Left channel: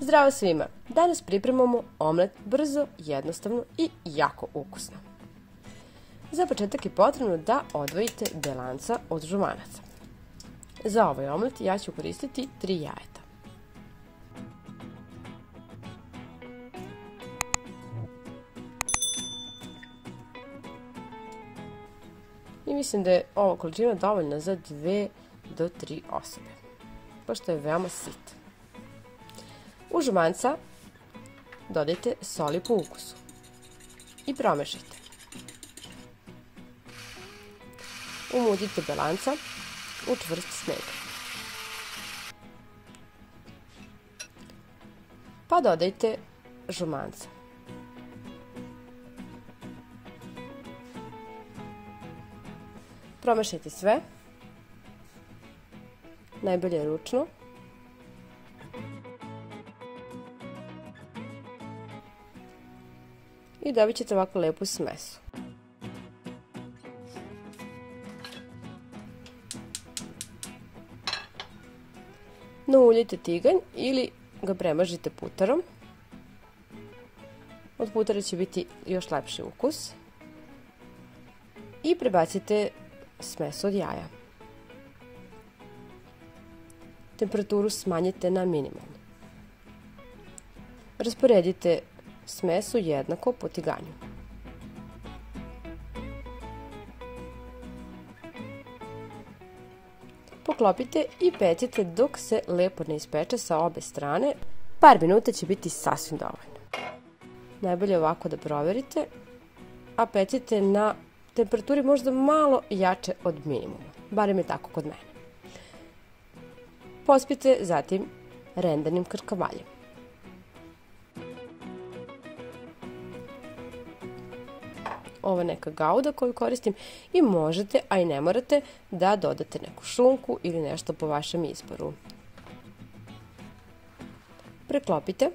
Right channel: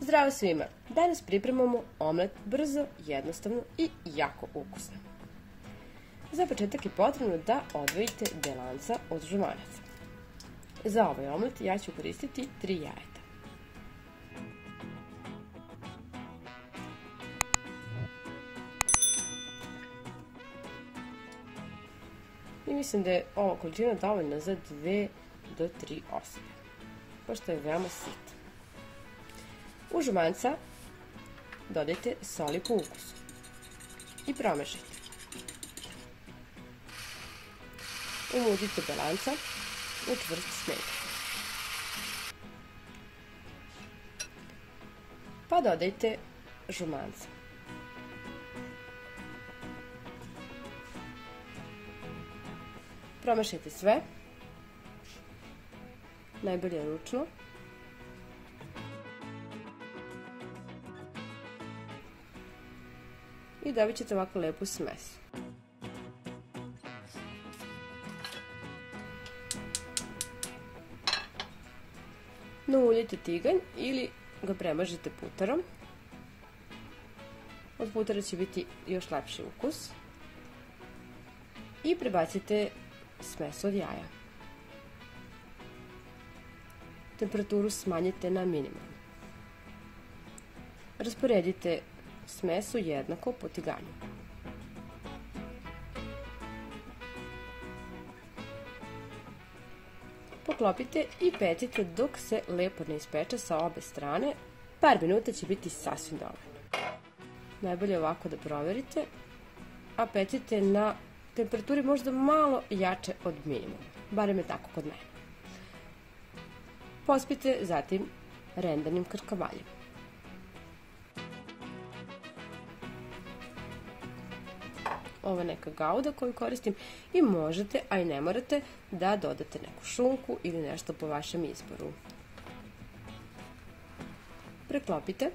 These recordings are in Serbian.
Zdravo svima! Danas pripremamo omlet brzo, jednostavno i jako ukusno. Za početak je potrebno da odvojite belanca od žumanaca. Za ovaj omlet ja ću koristiti 3 jajeta. I mislim da je ova količina dovoljna za 2 do 3 osobe, pošto je veoma sit. U žumanca dodajte soli po ukusu i promešajte. Umudite belanca u čvrst sneg. Pa dodajte žumanca. Promešajte sve, najbolje ručno. I dobit ćete ovako lepu smesu. Nauljite tiganj ili ga premažite putarom. Od putara će biti još lepši ukus. I prebacite smesu od jaja. Temperaturu smanjite na minimum. Rasporedite smesu jednako po tiganju. Poklopite i pecite dok se lepo ne ispeče sa obe strane. Par minuta će biti sasvim dovoljno. Najbolje ovako da proverite, a pecite na temperaturi možda malo jače od minimuma. Barem je tako kod mene. Pospite zatim rendanim krkavaljem. Ovo je neka gauda koju koristim i možete, a i ne morate, da dodate neku šunku ili nešto po vašem izboru. Preklopite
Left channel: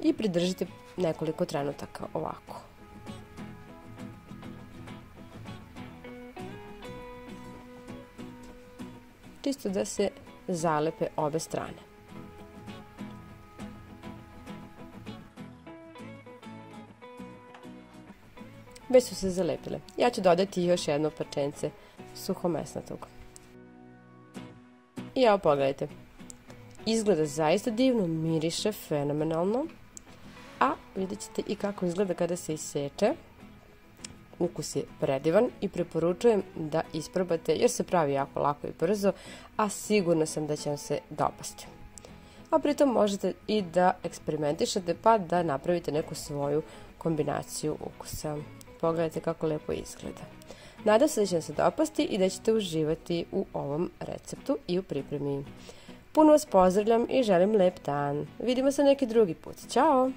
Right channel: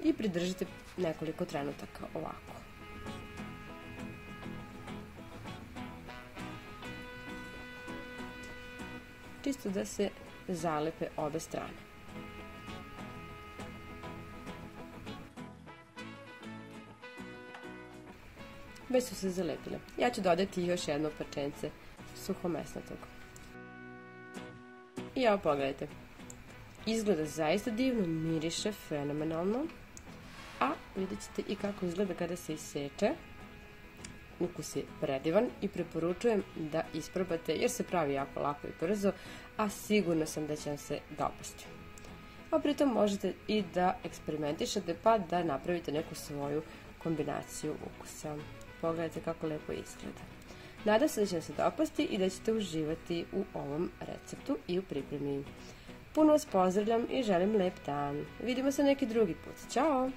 i pridržite nekoliko trenutaka ovako. Čisto da se zalepe obe strane. Već su se zalepile. Ja ću dodati još jedno parčence suhomesnatog. I evo pogledajte. Izgleda zaista divno, miriše fenomenalno, a vidjet ćete i kako izgleda kada se iseče. Ukus je predivan i preporučujem da isprobate jer se pravi jako lako i brzo, a sigurna sam da će vam se dopasti. A pritom možete i da eksperimentišete pa da napravite neku svoju kombinaciju ukusa. Pogledajte kako lepo izgleda. Nadam se da će vam se dopasti i da ćete uživati u ovom receptu i u pripremi. Puno vas pozdravljam i želim lep dan. Vidimo se neki drugi put. Ćao!